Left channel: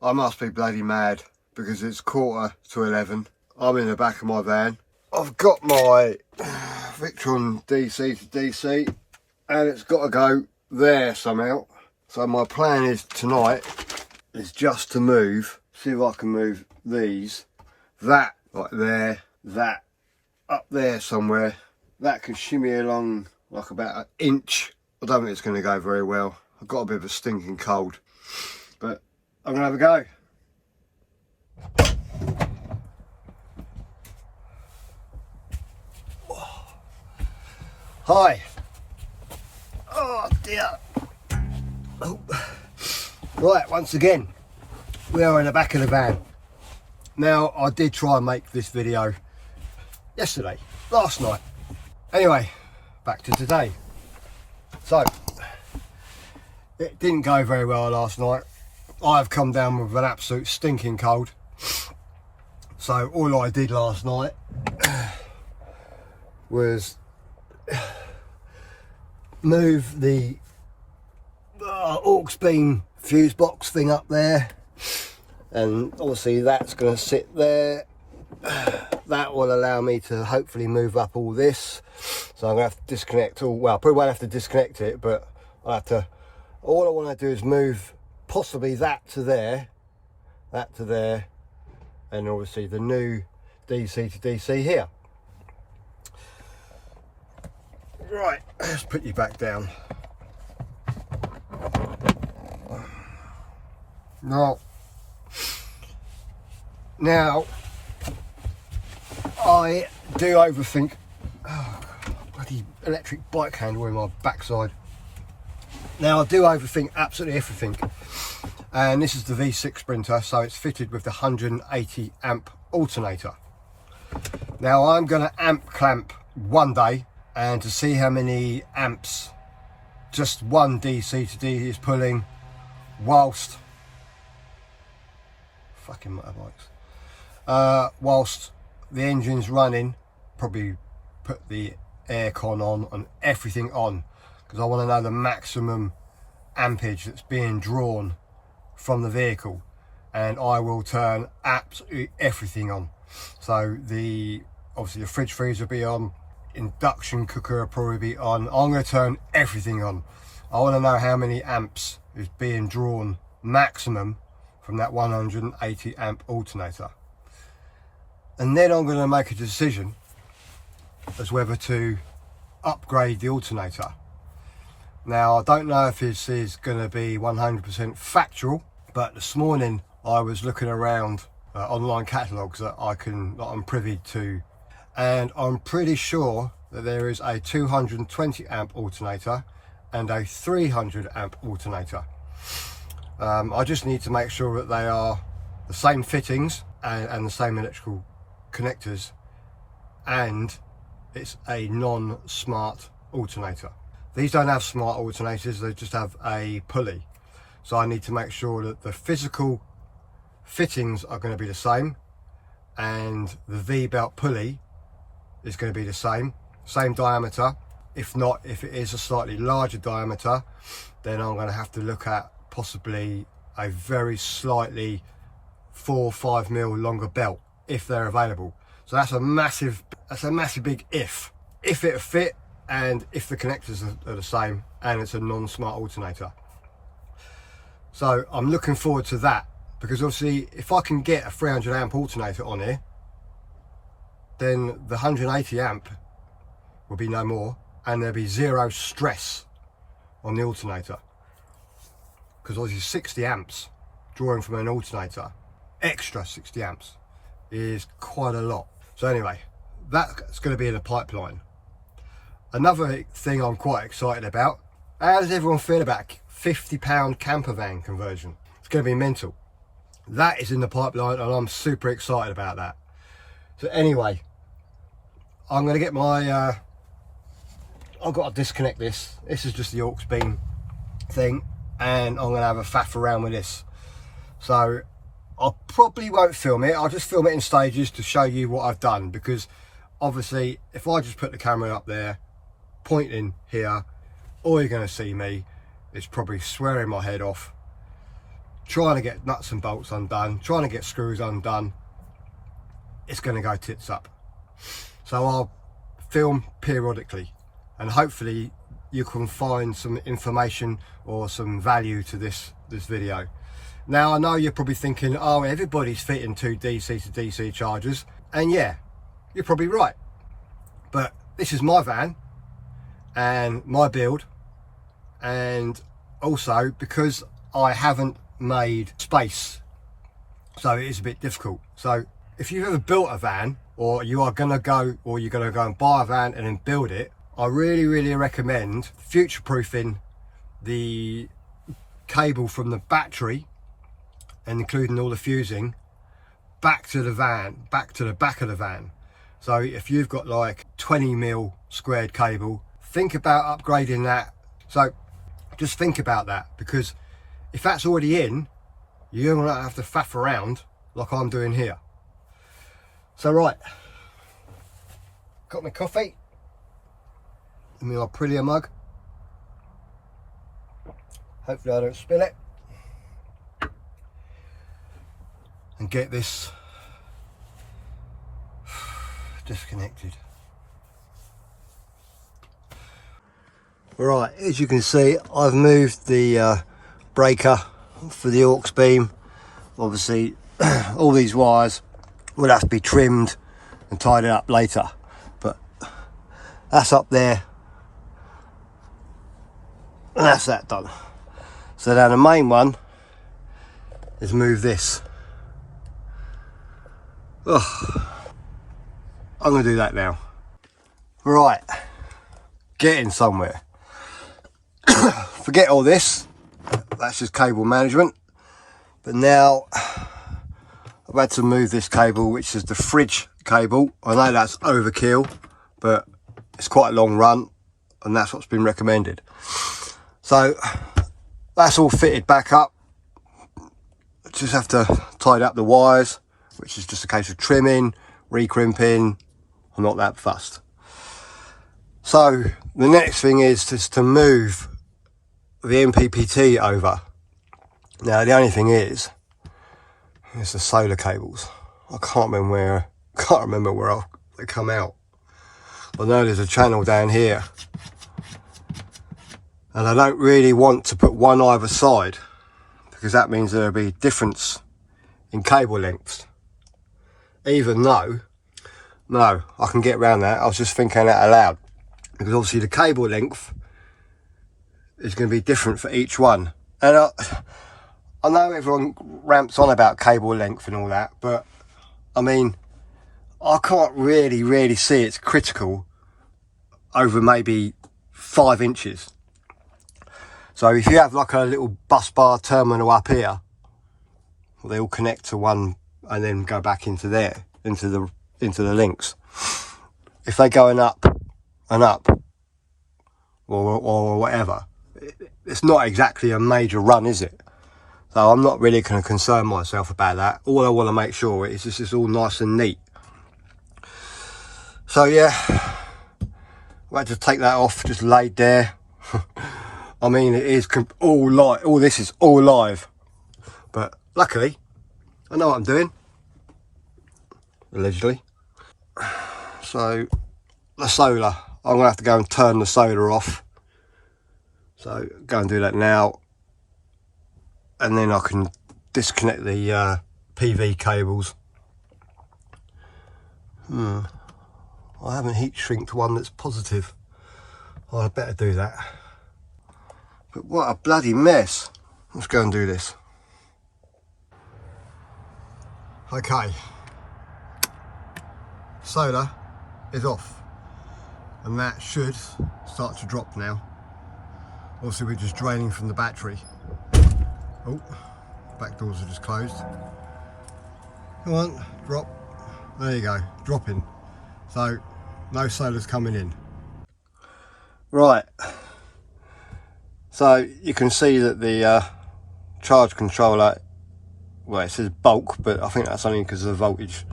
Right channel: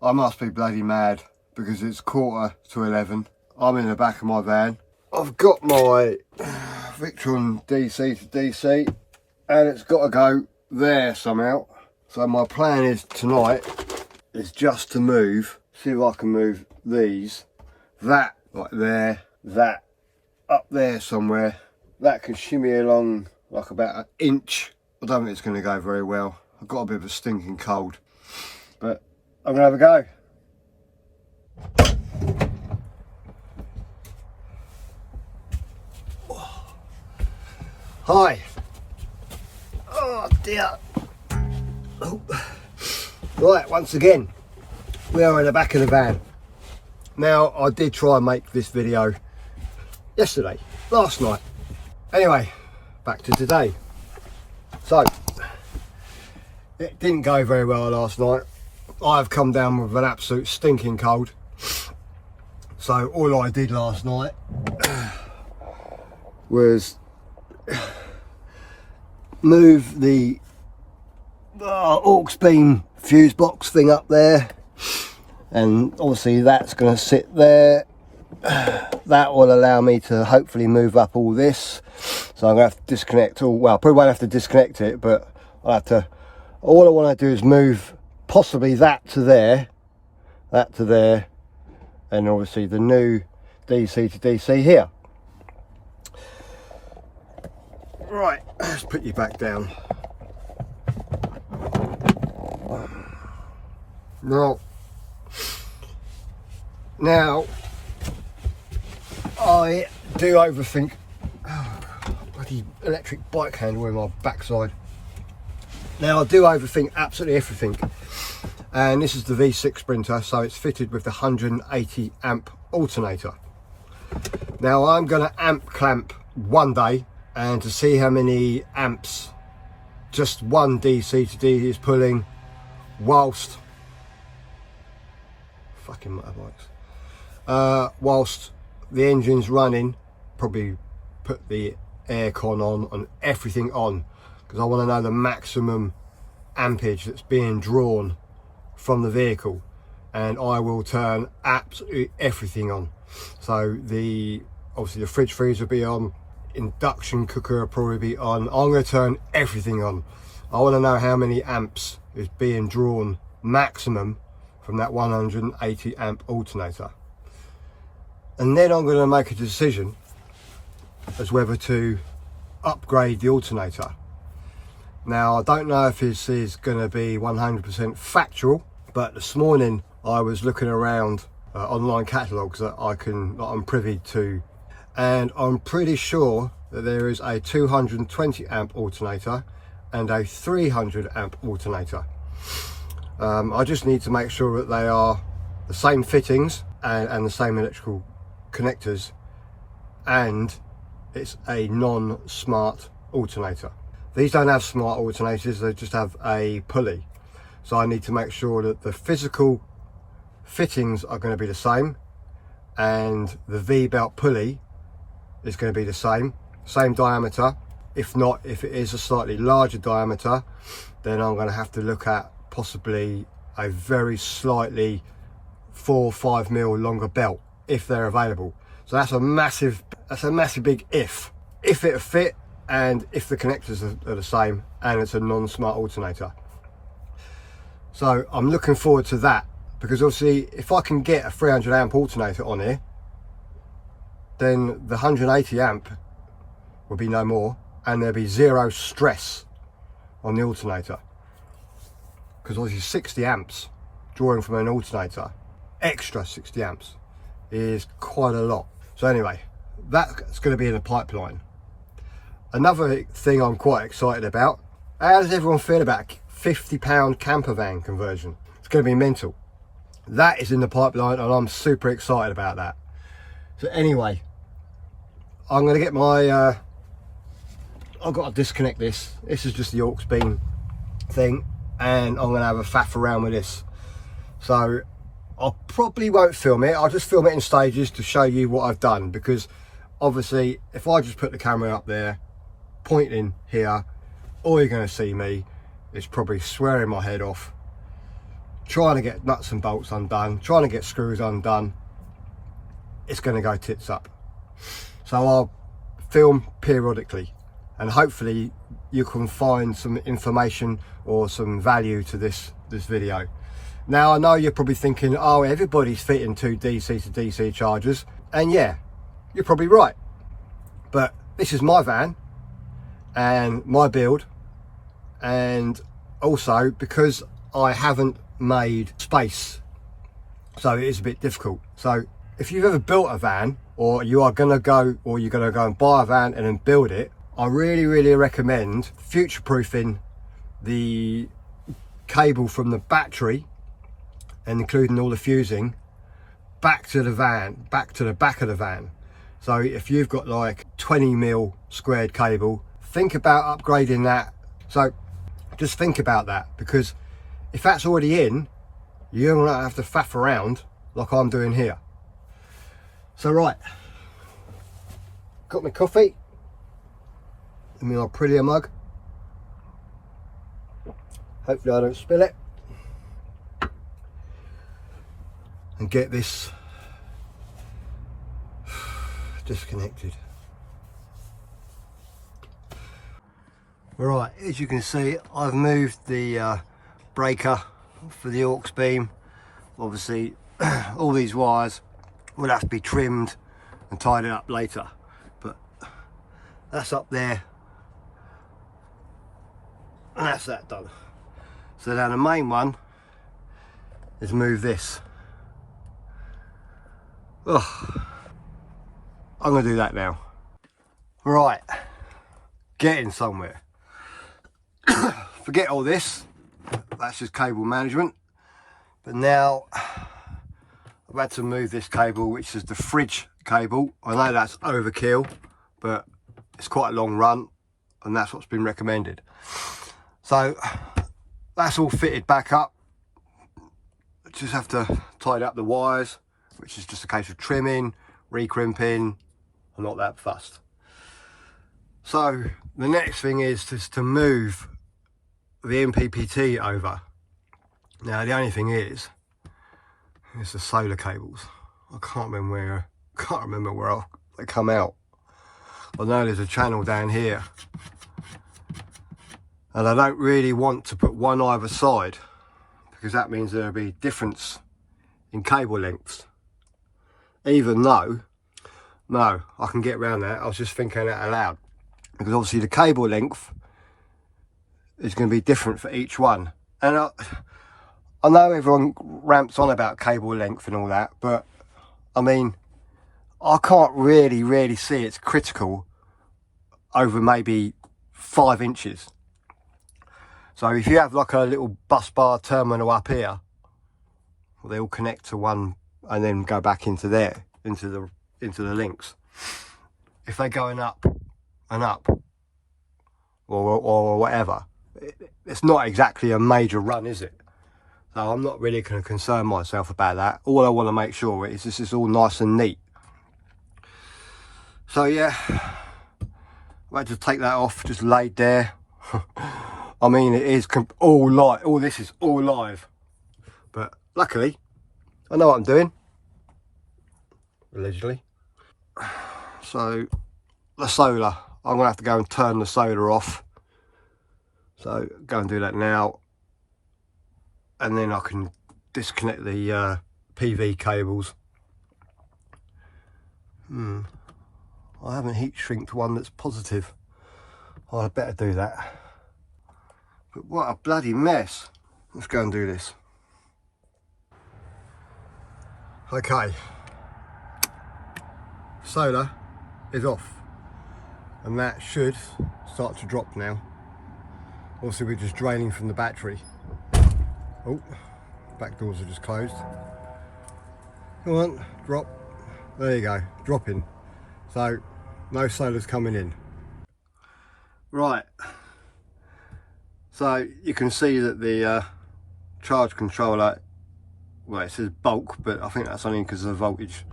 I must be bloody mad because it's 11:15. I'm in the back of my van. I've got my Victron DC to DC and it's got to go there somehow. So my plan is tonight is just to move, see if I can move these, that like there, that up there somewhere. That can shimmy along like about an inch. I don't think it's going to go very well. I've got a bit of a stinking cold, but I'm going to have a go. Hi. Oh dear. Oh. Right, once again, we are in the back of the van. Now, I did try and make this video yesterday, last night. Anyway, back to today. So, it didn't go very well last night. I've come down with an absolute stinking cold. So all I did last night was move the aux beam fuse box thing up there, and obviously that's going to sit there. That will allow me to hopefully move up all this. So I'm going to have to disconnect all, well, probably won't have to disconnect it, but I'll have to, all I want to do is move possibly that to there, and obviously the new DC to DC here. Right, let's put you back down. Now I do overthink. Oh, bloody electric bike handle in my backside. Now I do overthink absolutely everything, and this is the V6 Sprinter, so it's fitted with the 180 amp alternator. Now I'm going to amp clamp one day, and to see how many amps just one DC to DC is pulling whilst fucking motorbikes, whilst the engine's running, probably put the aircon on and everything on, because I want to know the maximum ampage that's being drawn from the vehicle, and I will turn absolutely everything on. So obviously the fridge freezer will be on, induction cooker will probably be on. I'm going to turn everything on. I want to know how many amps is being drawn maximum from that 180 amp alternator, and then I'm going to make a decision as whether to upgrade the alternator. Now I don't know if this is going to be 100% factual, but this morning I was looking around online catalogues that I'm privy to, and I'm pretty sure that there is a 220 amp alternator and a 300 amp alternator. I just need to make sure that they are the same fittings and the same electrical connectors, and it's a non-smart alternator. These don't have smart alternators, they just have a pulley. So I need to make sure that the physical fittings are going to be the same, and the V-belt pulley is going to be the same diameter. If not, if it is a slightly larger diameter, then I'm going to have to look at possibly a very slightly 4 or 5 mil longer belt if they're available. So that's a massive big if it'll fit, and if the connectors are the same, and it's a non-smart alternator. So I'm looking forward to that, because obviously if I can get a 300 amp alternator on here, then the 180 amp will be no more, and there'll be zero stress on the alternator, because obviously 60 amps drawing from an alternator, extra 60 amps is quite a lot. So anyway, that's going to be in the pipeline. Another thing I'm quite excited about, how does everyone feel about £50 camper van conversion? It's going to be mental. That is in the pipeline, and I'm super excited about that. So anyway, I'm going to get my I've got to disconnect this. This is just the aux beam thing, and I'm going to have a faff around with this. So I probably won't film it. I'll just film it in stages to show you what I've done, because obviously if I just put the camera up there pointing here, all you're going to see me is probably swearing my head off, trying to get nuts and bolts undone, trying to get screws undone, it's going to go tits up. So I'll film periodically, and hopefully you can find some information or some value to this video. Now, I know you're probably thinking, oh, everybody's fitting 2 DC to DC chargers, and yeah, you're probably right, but this is my van and my build, and also because I haven't made space, so it is a bit difficult. So if you've ever built a van, or you're gonna go and buy a van and then build it, I really recommend future-proofing the cable from the battery, and including all the fusing, back to the van, back to the back of the van. So if you've got like 20mm squared cable, think about upgrading that. So just think about that, because if that's already in, you're gonna have to faff around like I'm doing here. So right, got my coffee in my prettier mug. Hopefully I don't spill it. And get this disconnected. Right, as you can see, I've moved the breaker for the aux beam. Obviously all these wires will have to be trimmed and tidied up later, but that's up there and that's that done. So now the main one is move this. Oh, I'm gonna do that now. Right, getting somewhere. Forget all this, that's just cable management. But now I've had to move this cable, which is the fridge cable. I know that's overkill, but it's quite a long run, and that's what's been recommended. So that's all fitted back up. Just have to tidy up the wires, which is just a case of trimming, recrimping. I'm not that fussed. So the next thing is just to move the mppt over. Now the only thing is the solar cables. I can't remember where they come out. I know there's a channel down here, and I don't really want to put one either side, because that means there'll be difference in cable lengths. Even though, no, I can get around that. I was just thinking that aloud, because obviously the cable length is going to be different for each one. And I know everyone ramps on about cable length and all that, but I mean, I can't really see it's critical over maybe 5 inches. So if you have like a little bus bar terminal up here, well, they all connect to one and then go back into there, into the links. If they're going up and up or whatever, it's not exactly a major run, is it? So I'm not really going to concern myself about that. All I want to make sure is this is all nice and neat. So yeah, I had to take that off, just laid there. I mean, it is all live. All this is all live, but luckily I know what I'm doing, allegedly. So the solar, I'm gonna have to go and turn the solar off. So go and do that now, and then I can disconnect the PV cables. I haven't heat shrinked one that's positive. Oh, I'd better do that. But what a bloody mess. Let's go and do this. Okay. Solar is off, and that should start to drop now. Also, we're just draining from the battery. Oh, back doors are just closed. Come on, drop. There you go, dropping. So no solar's coming in. Right, so you can see that the charge controller, well, it says bulk, but I think that's only because of the voltage.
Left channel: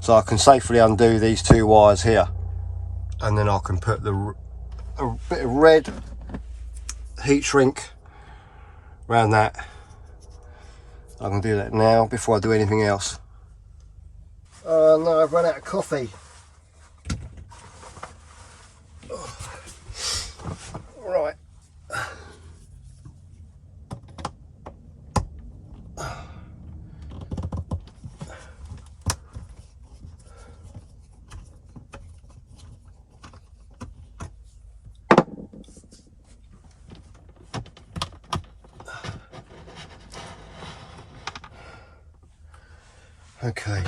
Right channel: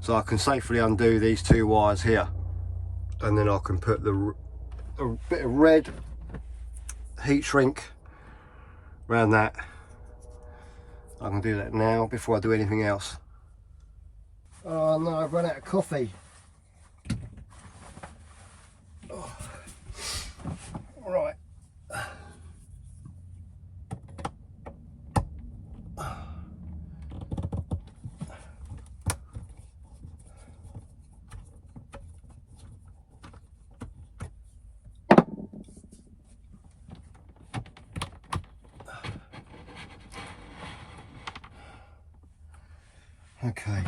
So I can safely undo these 2 wires here, and then I can put a bit of red heat shrink around that, I can do that now before I do anything else. Oh no, I've run out of coffee. Oh. Right. Okay.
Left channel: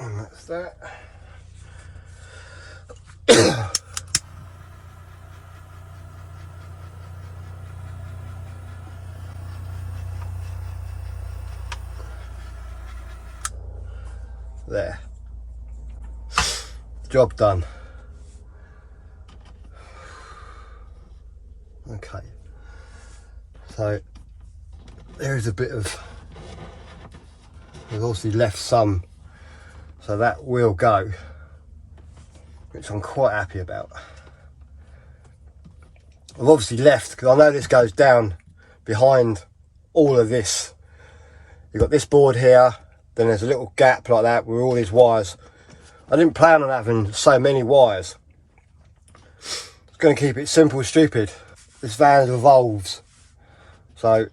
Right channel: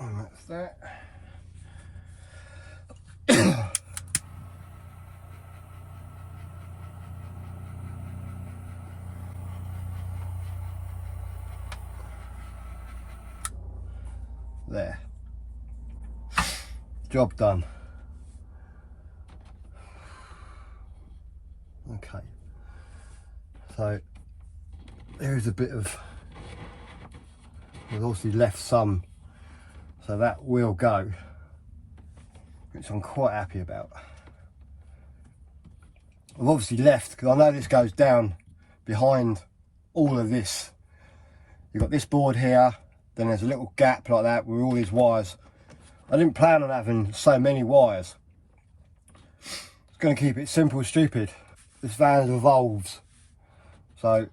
And that's that. There. Job done. Okay. So there is a bit of, we've obviously left some, so that will go, which I'm quite happy about. I've obviously left, because I know this goes down behind all of this. You've got this board here, then there's a little gap like that with all these wires. I didn't plan on having so many wires. It's going to keep it simple, stupid. This van evolves. So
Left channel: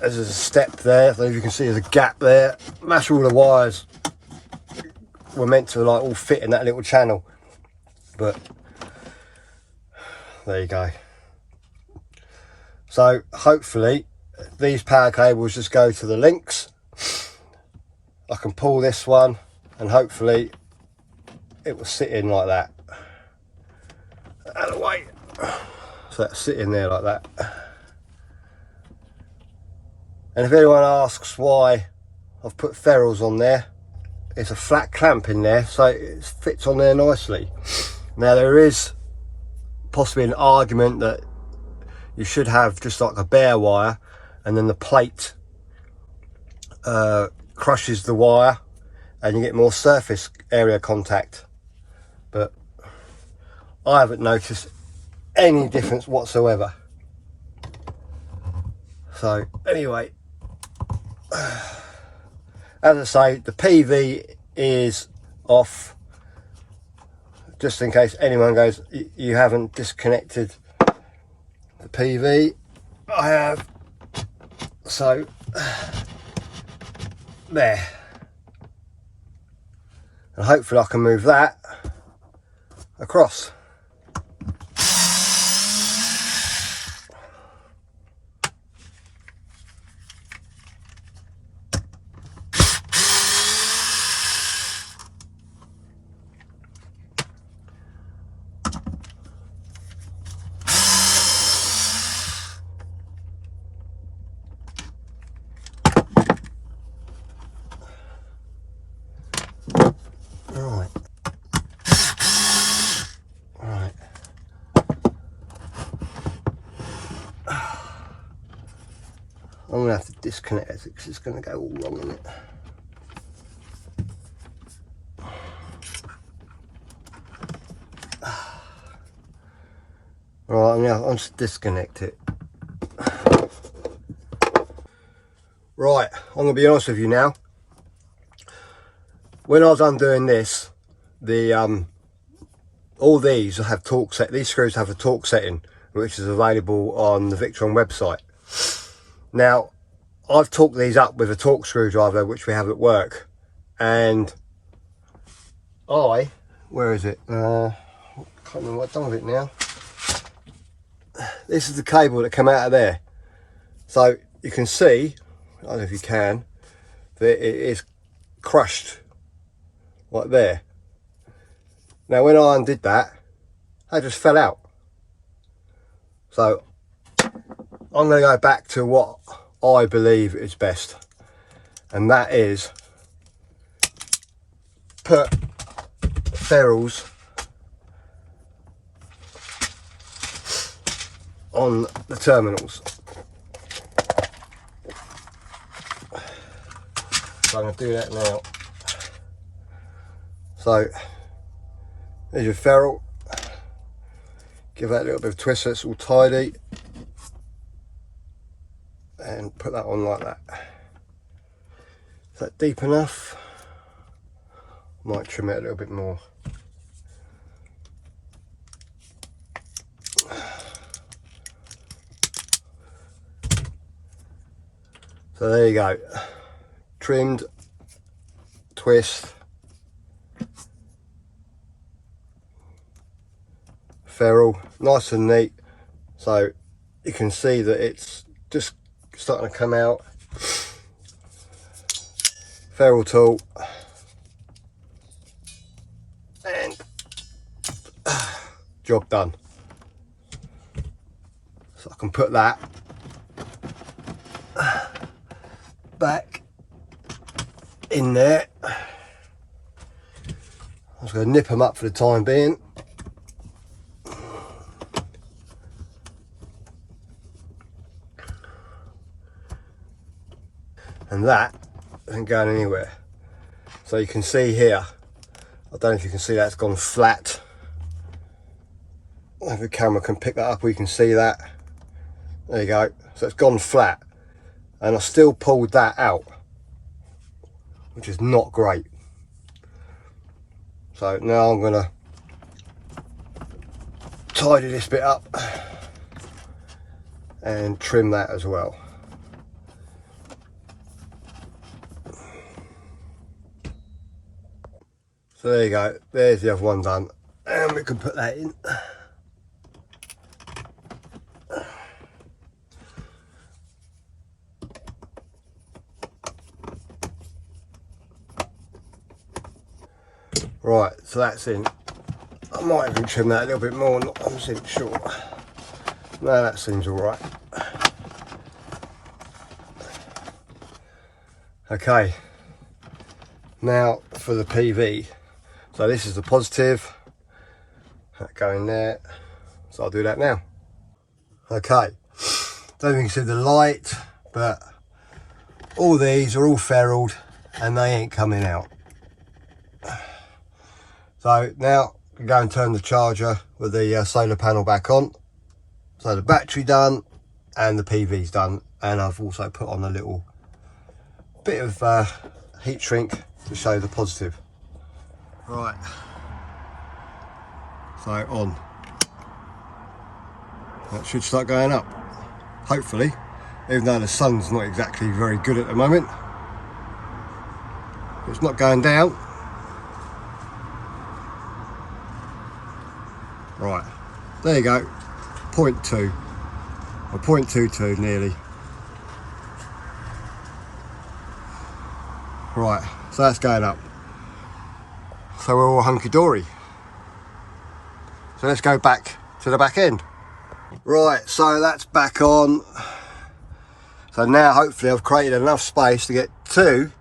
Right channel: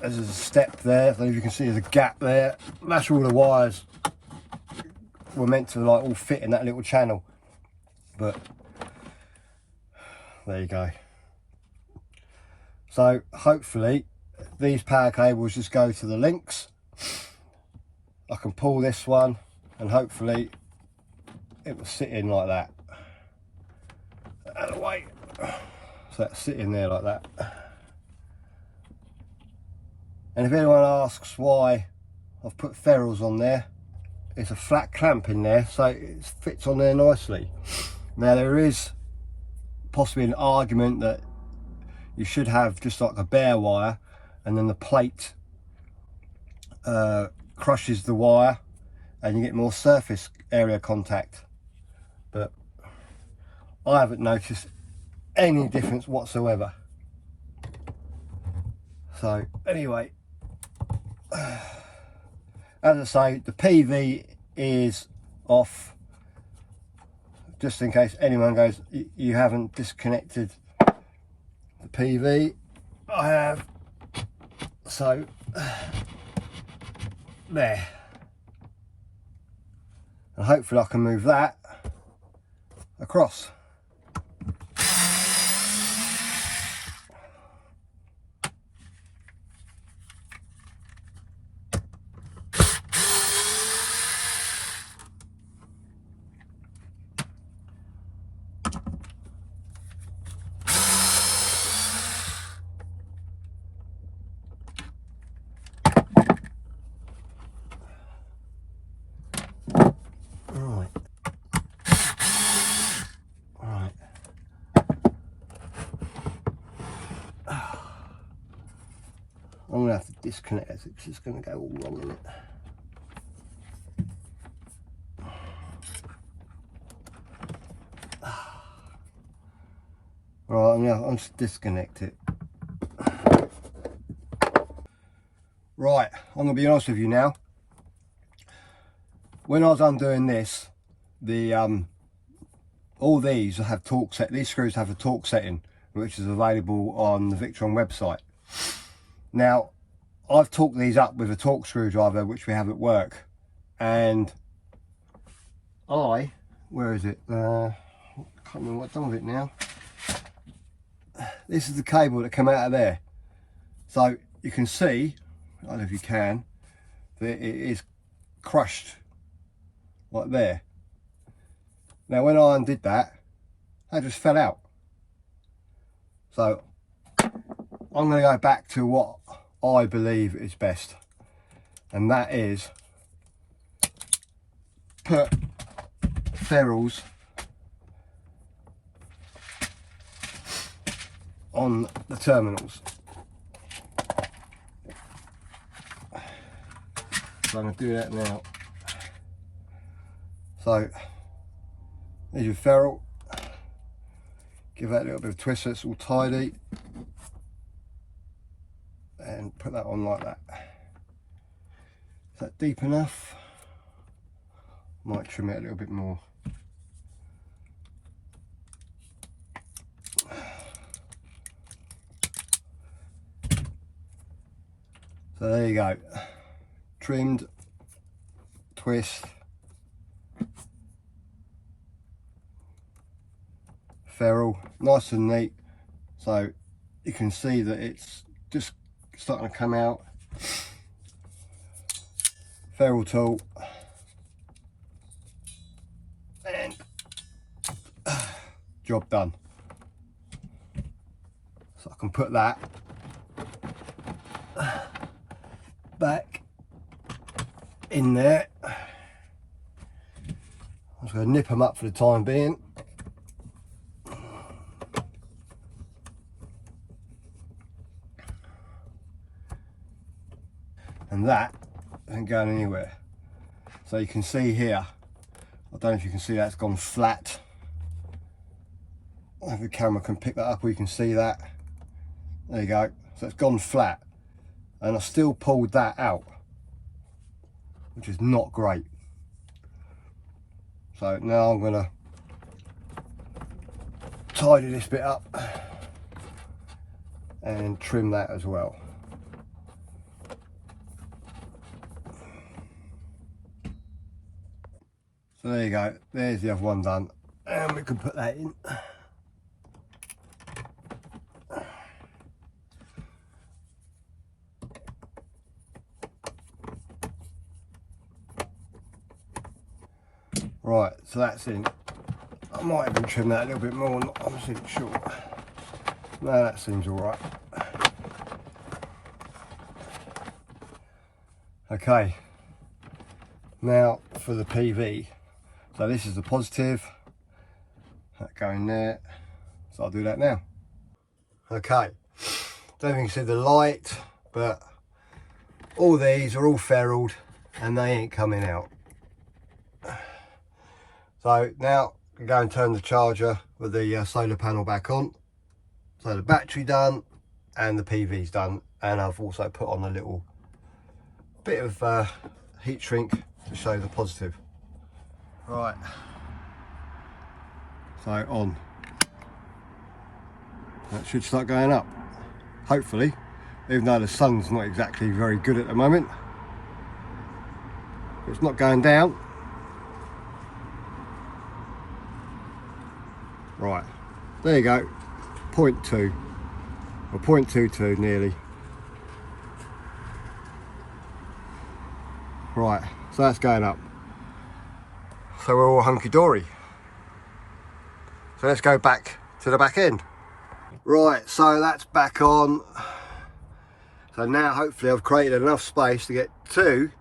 there's a step there, I don't know if you can see there's a gap there. That's all the wires were meant to like all fit in that little channel. But there you go. So hopefully these power cables just go to the links. I can pull this one and hopefully it will sit in like that. Out of the way. So that's sitting there like that. And if anyone asks why I've put ferrules on there, it's a flat clamp in there, so it fits on there nicely. Now there is possibly an argument that you should have just like a bare wire, and then the plate crushes the wire and you get more surface area contact. But I haven't noticed any difference whatsoever. So anyway, as I say, the PV is off, just in case anyone goes, you haven't disconnected the PV. I have. So there, and hopefully I can move that across. I'm going to have to disconnect it because it's going to go all wrong in it. Right, I'm going to just disconnect it. Right, I'm going to be honest with you now. When I was undoing this, the all these have torque set. These screws have a torque setting, which is available on the Victron website. Now, I've torqued these up with a torque screwdriver, which we have at work, and where is it? Can't remember what I've done with it now. This is the cable that came out of there. So you can see, I don't know if you can, that it is crushed like there. Now when I undid that, they just fell out. So I'm going to go back to what I believe is best, and that is put ferrules on the terminals. So I'm going to do that now. So there's your ferrule. Give that a little bit of twist so it's all tidy. And put that on like that. Is that deep enough? Might trim it a little bit more. So there you go. Trimmed, twist, ferrule, nice and neat. So you can see that it's just starting to come out. Ferrule tool, and job done. So I can put that back in there. I'm just going to nip them up for the time being. And that isn't going anywhere. So you can see here, I don't know if you can see that, it's gone flat. I don't know if the camera can pick that up or you can see that. There you go. So it's gone flat. And I still pulled that out, which is not great. So now I'm going to tidy this bit up and trim that as well. So there you go, there's the other one done, and we can put that in. Right, so that's in. I might even trim that a little bit more, I'm not 100% sure. No, that seems alright. Okay, now for the PV. So this is the positive, that going there, so I'll do that now. Okay, don't think you can see the light, but all these are all ferruled and they ain't coming out. So now we go and turn the charger with the solar panel back on. So the battery done and the PV's done, and I've also put on a little bit of heat shrink to show the positive. Right, so on. That should start going up, hopefully, even though the sun's not exactly very good at the moment. It's not going down. Right, there you go, 0.2 or 0.22 nearly. Right, so that's going up. So we're all hunky-dory. So let's go back to the back end. Right, so that's back on. So now hopefully I've created enough space to get two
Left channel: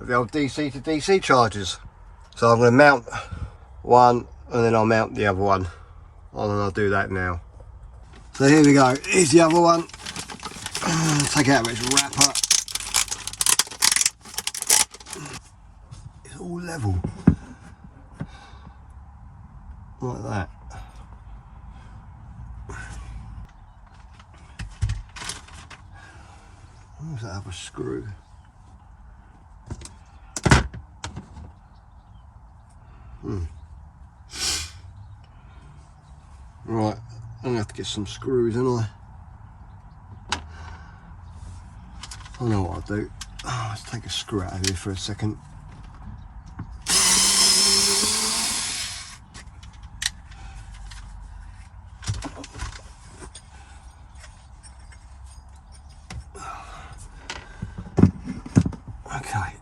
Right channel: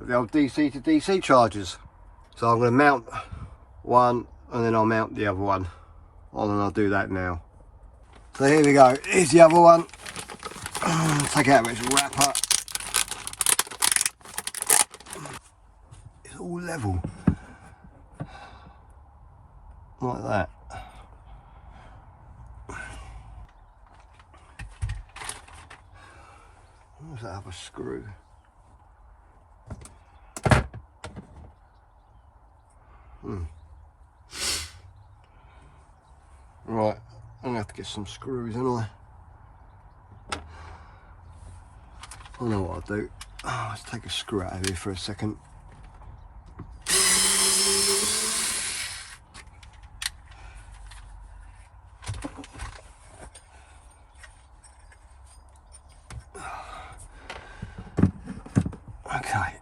of the old DC to DC chargers. So I'm going to mount one and then I'll mount the other one. And I'll do that now. So here we go, here's the other one. Take out its wrapper. It's all level. Like that. Where's that other screw? Right, I'm gonna have to get some screws, ain't I? I know what I'll do. Let's take a screw out of here for a second. Okay.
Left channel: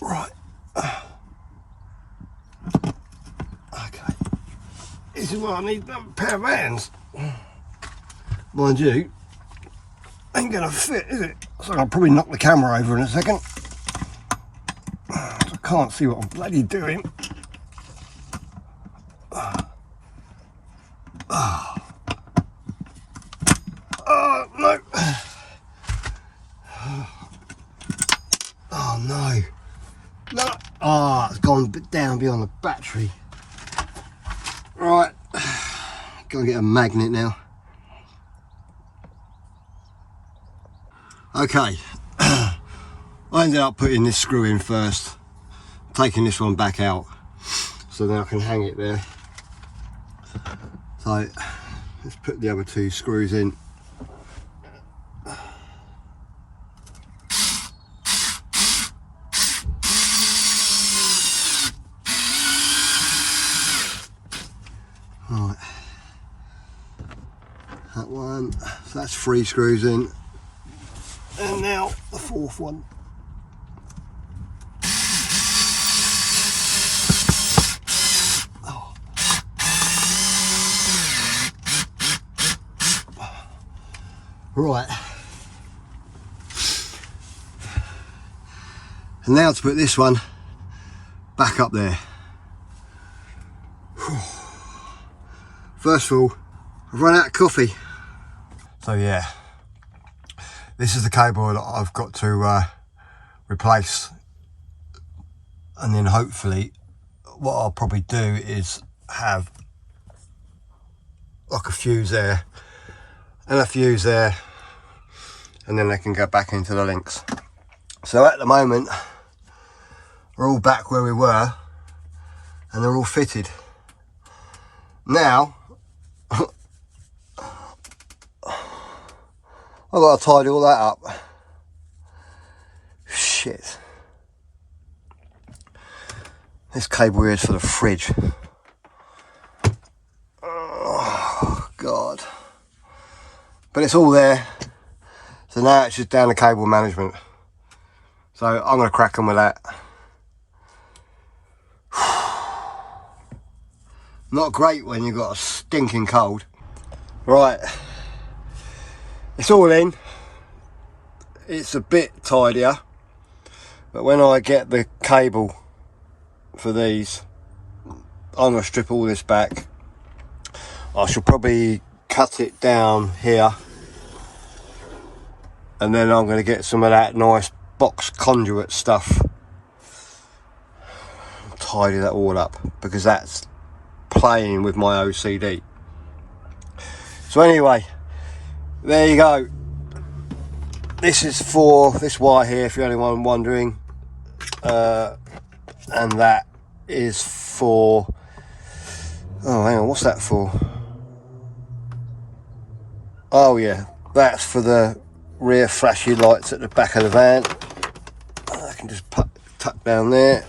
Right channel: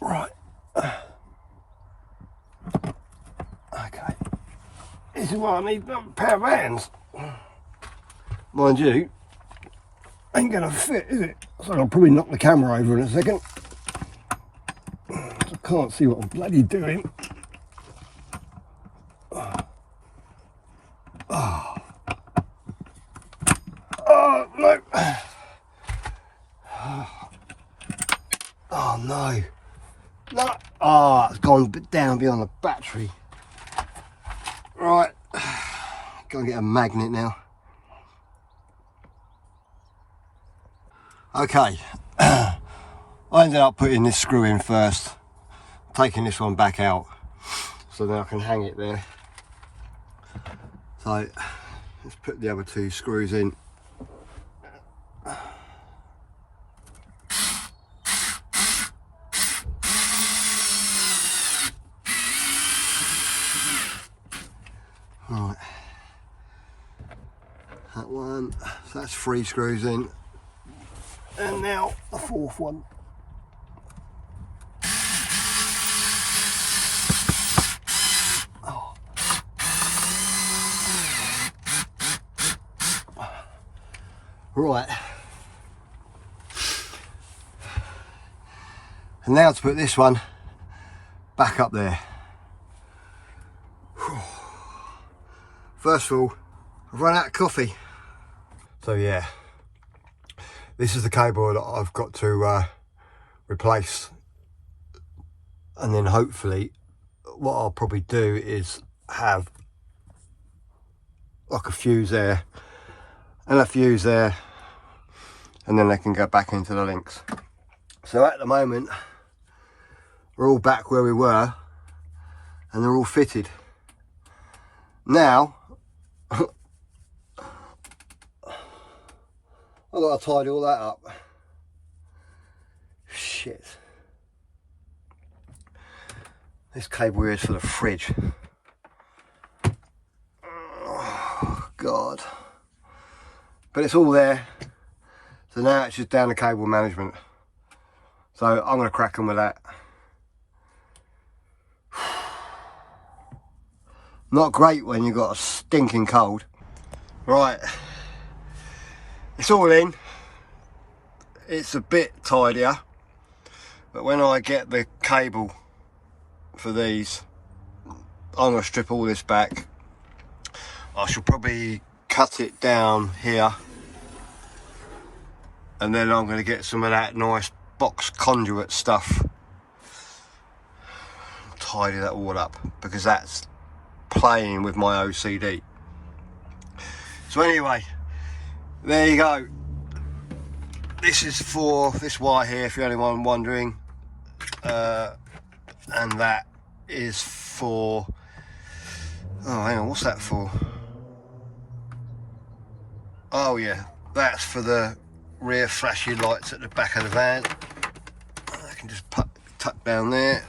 Right. Okay. This is what I need, a pair of hands. Mind you, ain't gonna fit, is it? So I'll probably knock the camera over in a second. I can't see what I'm bloody doing. I'll get a magnet now. Okay, I ended up putting this screw in first, taking this one back out, so then I can hang it there. So let's put the other two screws in. Right, that one, so that's 3 screws in. And now the 4th one. Oh. Right. And now to put this one back up there. First of all, I've run out of coffee. So yeah. This is the cable that I've got to replace, and then hopefully what I'll probably do is have like a fuse there and a fuse there, and then they can go back into the links. So at the moment we're all back where we were and they're all fitted. Now I've got to tidy all that up. Shit. This cable here is for the fridge. Oh, God. But it's all there. So now it's just down to cable management. So I'm going to crack on with that. Not great when you've got a stinking cold. Right. It's all in. It's a bit tidier, but when I get the cable for these, I'm going to strip all this back. I shall probably cut it down here, and then I'm going to get some of that nice box conduit stuff, tidy that all up, because that's playing with my OCD. So anyway, there you go. This is for this wire here, if you're anyone wondering, and that is for, oh hang on, what's that for? Oh yeah, that's for the rear flashy lights at the back of the van. I can just tuck down there.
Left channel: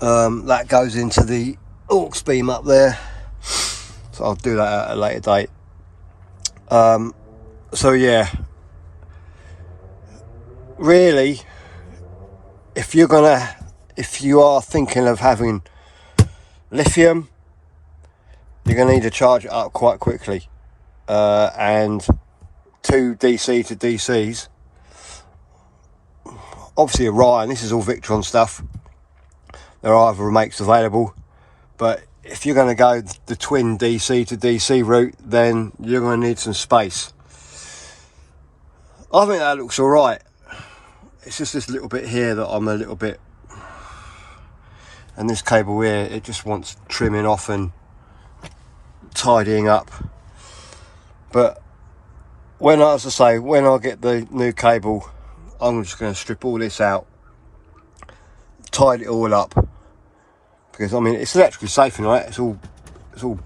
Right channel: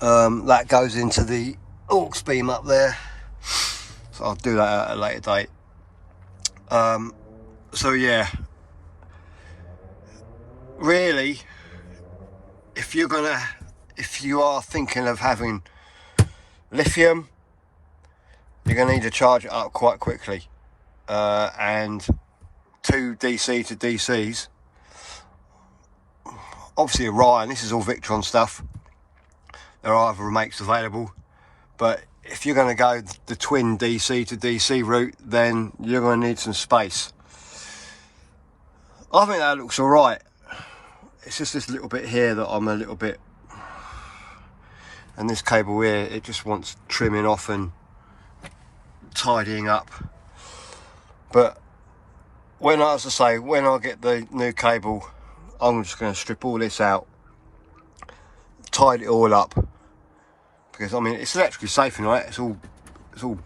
That goes into the aux beam up there, so I'll do that at a later date. So yeah, really, if you are thinking of having lithium, you're gonna need to charge it up quite quickly, and 2 DC to DCs. Obviously Orion, this is all Victron stuff. There are other makes available, but if you're going to go the twin DC to DC route, then you're going to need some space. I think that looks alright. It's just this little bit here that I'm a little bit, and this cable here, it just wants trimming off and tidying up. But when, as I say, when I get the new cable, I'm just going to strip all this out, tidy it all up, because I mean it's electrically safe, right? It's all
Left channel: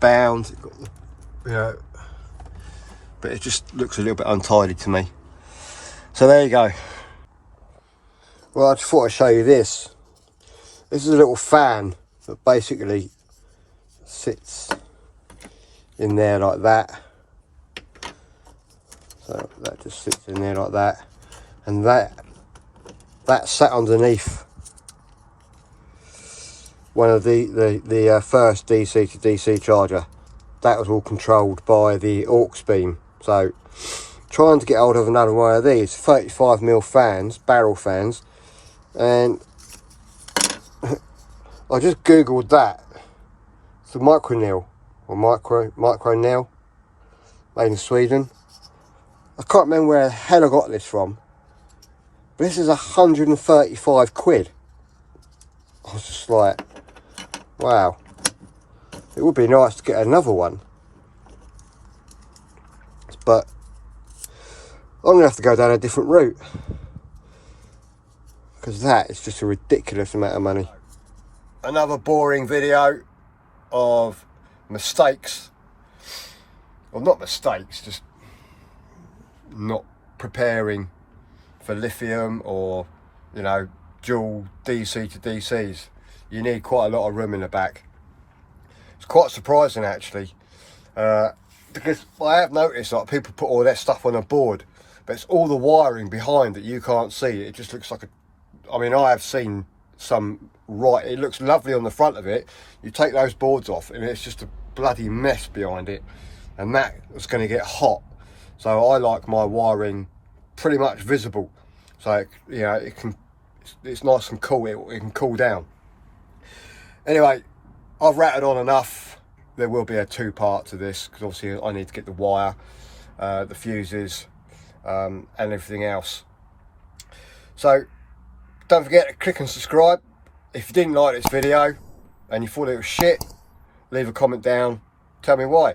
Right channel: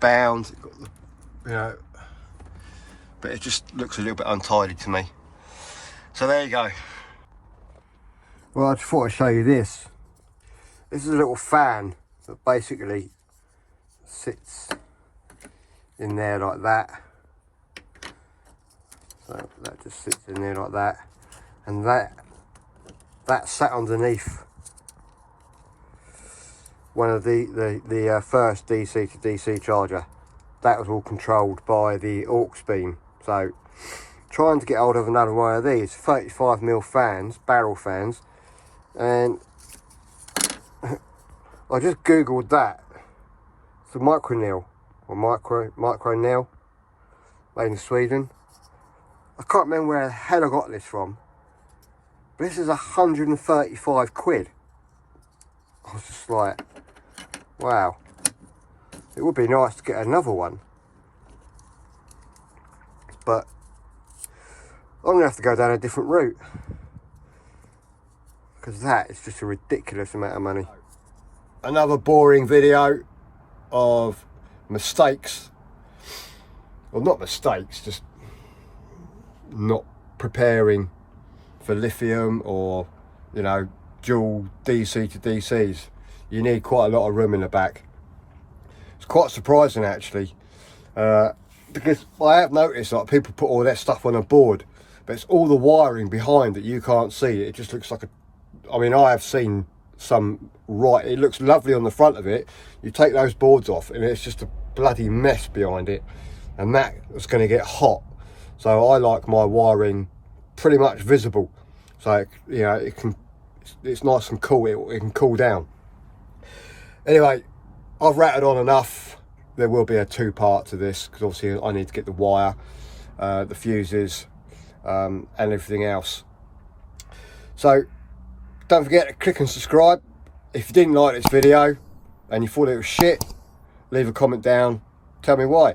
bound, it's got the, you know, but it just looks a little bit untidy to me. So there you go. Well, I just thought I'd show you this. This is a little fan that basically sits in there like that. So that just sits in there like that, and that sat underneath one of the first DC to DC charger. That was all controlled by the aux beam. So trying to get hold of another one of these 35mm fans, barrel fans, and I just googled that. It's a micro nail, or micro nail, made in Sweden. I can't remember where the hell I got this from, but this is 135 quid. I was just like, wow, It would be nice to get another one, but I'm going to have to go down a different route, because that is just a ridiculous amount of money. Another boring video of mistakes, well, not mistakes, just not preparing for lithium or, you know, dual DC to DCs. You need quite a lot of room in the back. It's quite surprising actually, because I have noticed like people put all that stuff on a board, but it's all the wiring behind that you can't see. It just looks like a, I mean, I have seen some, right, it looks lovely on the front of it. You take those boards off and it's just a bloody mess behind it, and that is going to get hot. So I like my wiring pretty much visible, so you know, it's nice and cool. It can cool down. Anyway, I've rattled on enough. There will be a two-part to this, because obviously I need to get the wire, the fuses, and everything else. So don't forget to click and subscribe. If you didn't like this video and you thought it was shit, leave a comment down, tell me why.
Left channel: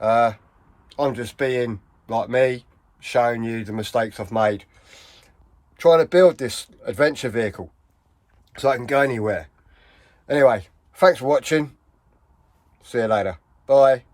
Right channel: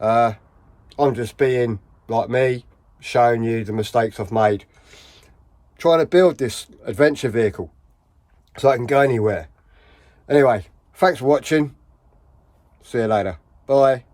I'm just being like me, showing you the mistakes I've made trying to build this adventure vehicle so I can go anywhere. Anyway, thanks for watching. See you later. Bye.